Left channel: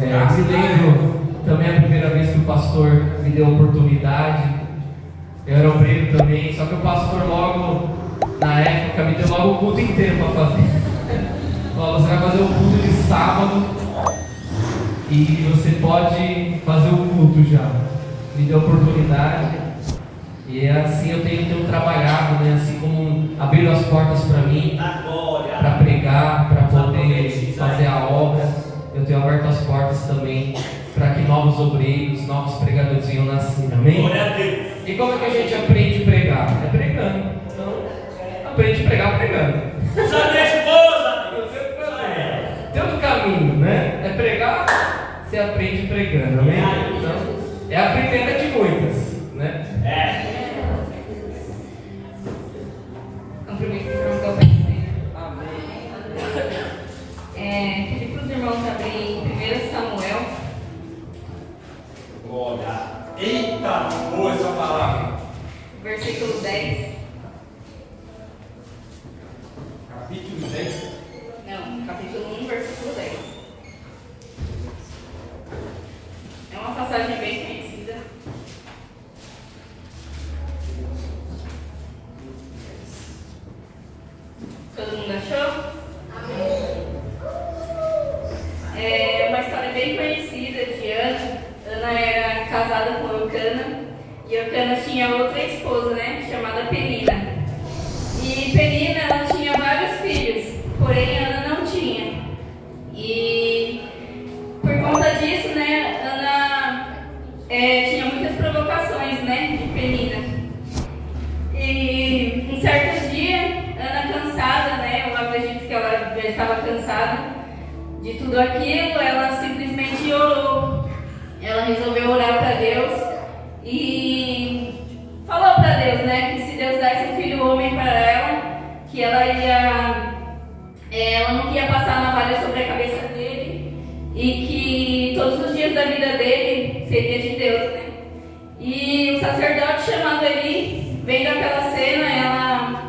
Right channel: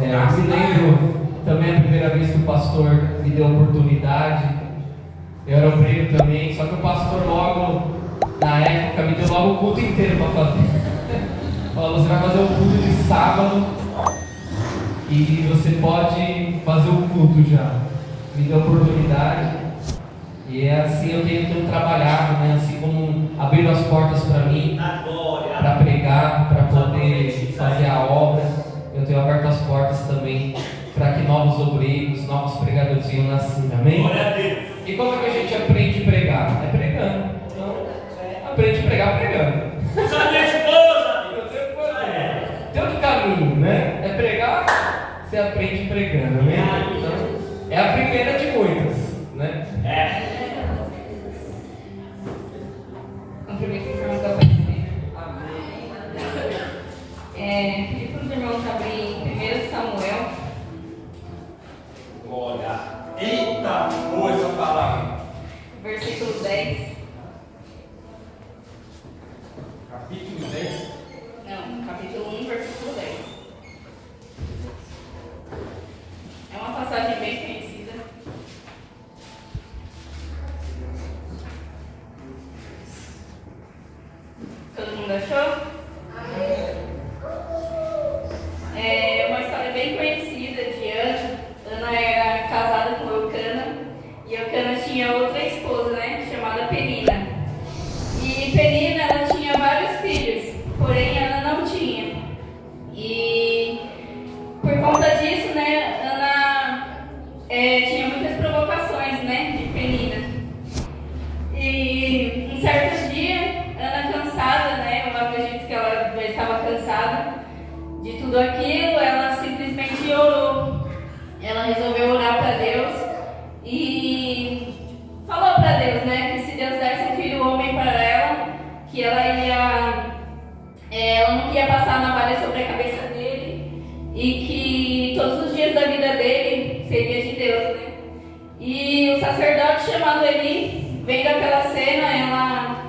Eu me lembro também a primeira vez que o pastor me deu a oportunidade. Eu era obreiro também, só que o pastor logo, na época, me deu logo o culto inteiro para fazer. Falou, você vai fazer o culto de sábado e você pode fazer o culto já. Me deu a oportunidade e é assim eu tenho trabalhado, né? Assim como abriram as portas para mim, para pregar, para poder fazer a obra, eu tenho aberto as portas também para que novos obreiros, novos pregadores venham nascer, amém? Glória a Deus. E como é que a gente aprende a pregar? É pregando. Então, aprende a pregar pregando. Usa a minha esposa. Tem outro caminho, né? É pregar, você aprende pregando, amém? Então, é a primeira de muitas, né? Cumprimento os irmãos da UPC. Pedi para os irmãos abrirem 1 Samuel. Glória. Eita, boa essa palavra. Versículo 10. Capítulo 10. Não, capítulo 1, versículo 10. É uma passagem bem conhecida. Todo mundo achou? É uma história bem conhecida de Ana. Ana era casada com Eucana. E Eucana tinha outra esposa, né? Chamada Penina. E Penina, ela tinha vários filhos. Porém, Ana não tinha. E por conta disso, né? Ana tinha muitas provocações, né? De Penina. E um certo dia, Ana cansada, né? Eu acredito que ela já estava cansada de tudo aquilo, ela simplesmente orou. Ela resolveu orar para Deus e falou para Deus, né? Que se Deus desse um filho homem para ela, que ela não ia passar navalha sobre a cabeça dele e que todos os dias da vida dele seria de Deus, né? E o sacerdote chamado Eli, vendo aquela cena,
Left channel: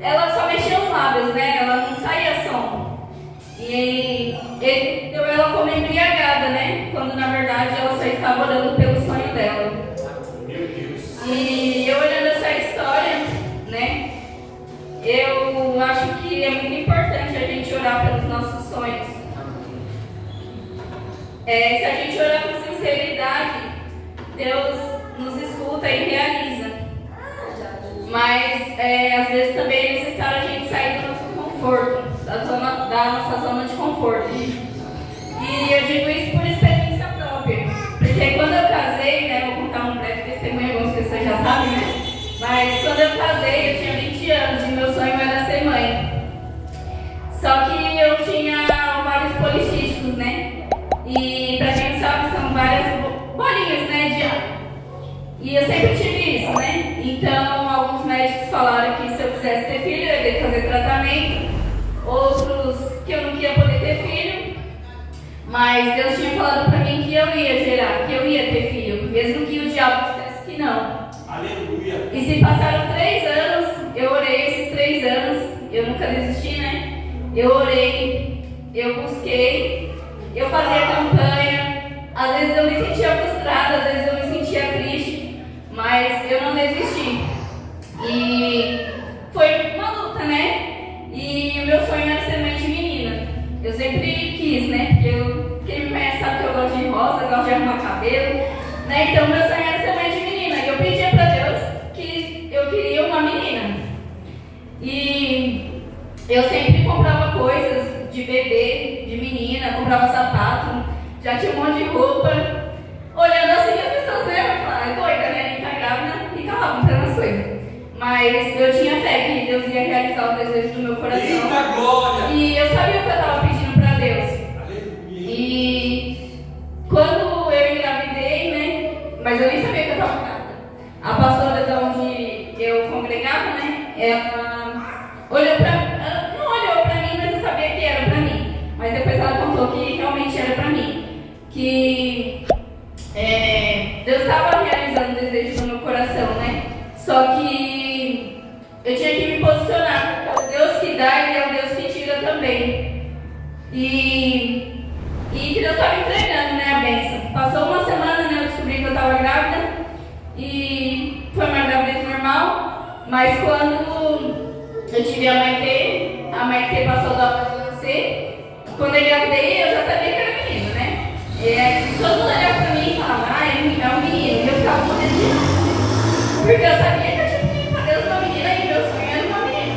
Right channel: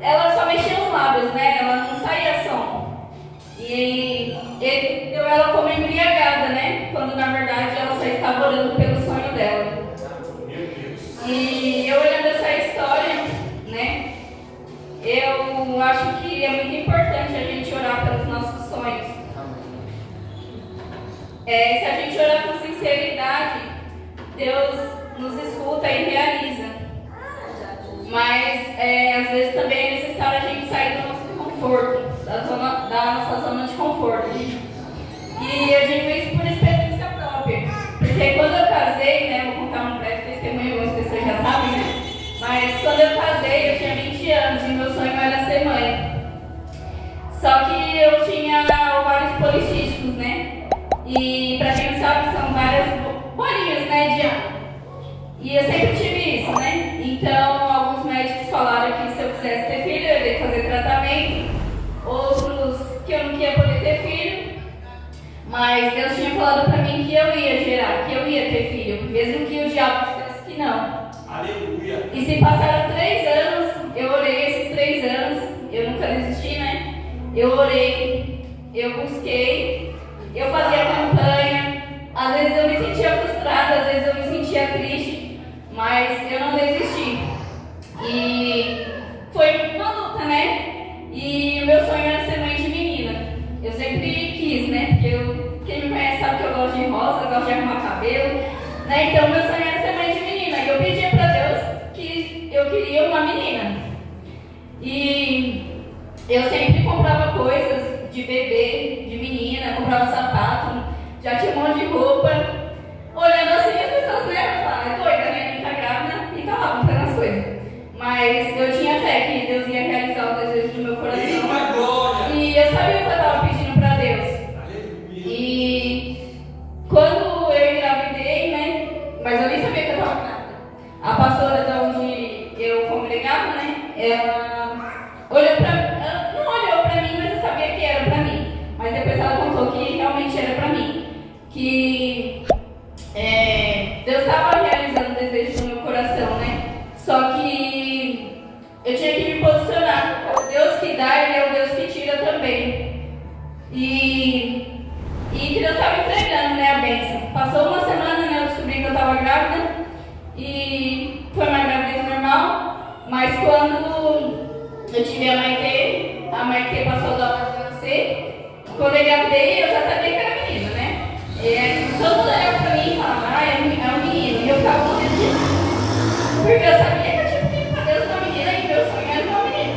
ela só mexia os lábios, né? Ela não saía som. E ele deu ela como embriagada, né? Quando na verdade ela só estava orando pelo sonho dela. E eu olhando essa história, né? Eu acho que é muito importante a gente orar pelos nossos sonhos. Se a gente orar com sinceridade, Deus nos escuta e realiza. Mas às vezes também é necessário a gente sair do nosso conforto, da nossa zona de conforto. E eu digo isso por experiência própria. Porque quando eu casei, né, vou contar um breve testemunho, algumas pessoas já sabem, né? Mas quando eu casei, eu tinha 20 anos e meu sonho era ser mãe. Só que eu tinha ovários policísticos, né? E pra quem não sabe, são várias bolinhas, né? E eu sempre tive isso, né? Então, alguns médicos falaram que se eu quisesse ter filho, eu ia fazer tratamento. Outros que eu não ia poder ter filho. Mas Deus tinha falado pra mim que eu ia gerar, que eu ia ter filho, mesmo que o diabo dissesse que não. Aleluia. E se passaram 3 anos, eu orei esses 3 anos, eu nunca desisti, né? Eu orei, eu busquei, eu fazia campanha. Às vezes eu me sentia frustrada, às vezes eu me sentia triste, mas eu não desisti. E foi uma luta, né? E o meu sonho era ser mãe de menina. Eu sempre quis, né? Porque quem me conhece sabe que eu gosto de rosa, eu gosto de arrumar cabelo, né? Então meu sonho era ser mãe de menina. E eu pedia pra Deus que eu queria uma menina. E eu sempre comprava coisas de bebê, de menina, comprava sapato, já tinha um monte de roupa. Olhando assim, as pessoas, né? Falavam, é doida, minha menina tá grávida, e tava lá comprando as coisas. Mas eu tinha fé que Deus ia realizar o desejo do meu coração. Eita glória! E eu sabia o que eu estava pedindo para Deus. Aleluia. E quando eu engravidei, né? Mas eu nem sabia que eu estava grávida. A pastora de onde eu congregava, né? Ela não olhou para mim, mas eu sabia que era para mim. Mas depois ela contou que realmente era para mim. Que Deus estava realizando o desejo do meu coração, né? Só que eu tinha que me posicionar. O Deus que dá, Ele é o Deus que tira também. E que Deus estava entregando, né, a bênção. Passou uma semana, né, eu descobri que eu estava grávida e foi uma gravidez normal, mas quando eu tive a Maitê passou da hora de nascer, quando eu engravidei eu já sabia que era menino, né? E todo mundo olhava pra mim e falava, é um menino, e eu ficava morrendo de medo, porque eu sabia que eu tinha pedido pra Deus uma menina e meu sonho era uma menina.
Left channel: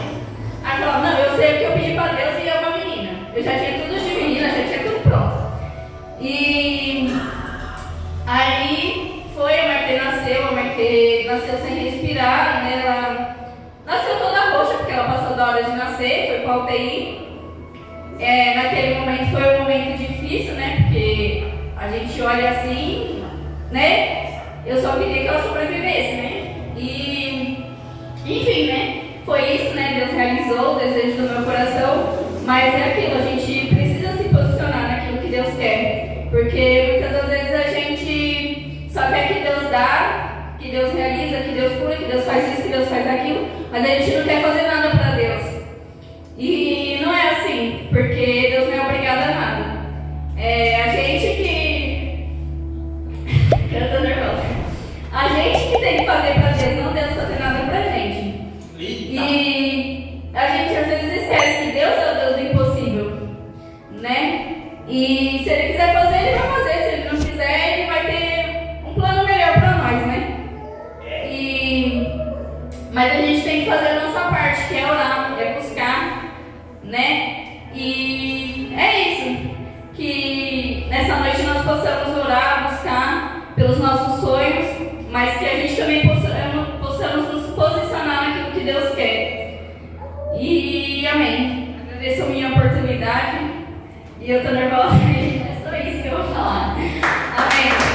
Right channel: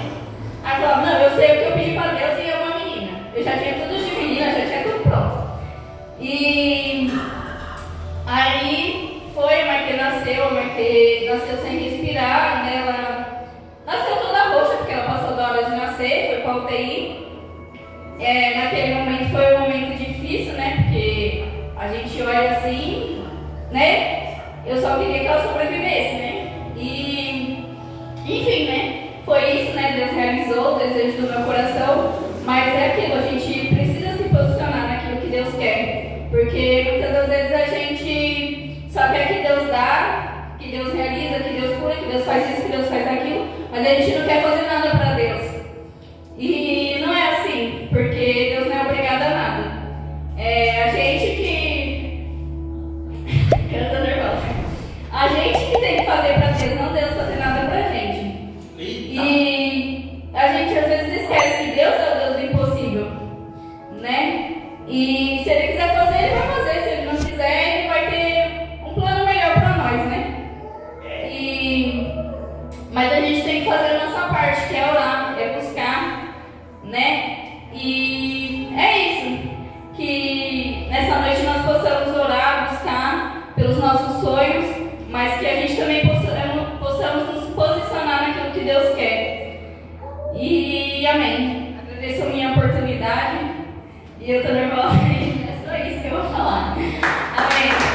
Aí eu falava, não, eu sei o que eu pedi pra Deus e é uma menina. Eu já tinha tudo de menina, já tinha tudo pronto. E aí foi, a Maitê nasceu sem respirar, né? Ela nasceu toda roxa, porque ela passou da hora de nascer, foi pra UTI. Naquele momento foi um momento difícil, né? Porque a gente olha assim, né? Eu só queria que ela sobrevivesse, né? E, enfim, né? Foi isso, né? Deus realizou o desejo do meu coração, mas é aquilo, a gente precisa se posicionar naquilo que Deus quer, porque muitas das vezes a gente só quer que Deus dá, que Deus realiza, que Deus cura, que Deus faz isso, que Deus faz aquilo, mas a gente não quer fazer nada para Deus. E não é assim, porque Deus não é obrigado a nada. A gente que... Eu tô nervosa. A gente que tem que fazer pra Deus, não Deus fazer nada pra gente. E a gente às vezes esquece que Deus é o Deus do impossível, né? E se Ele quiser fazer, Ele vai fazer. Se Ele não quiser, Ele vai ter um plano melhor pra nós, né? Mas a gente tem que fazer a nossa parte, que é orar, é buscar, né? E é isso, que nessa noite nós possamos orar, buscar pelos nossos sonhos, mas que a gente também possamos nos posicionar naquilo que Deus quer. E amém. Agradeço a minha oportunidade e eu tô nervosa, é só isso que eu vou falar. Amém.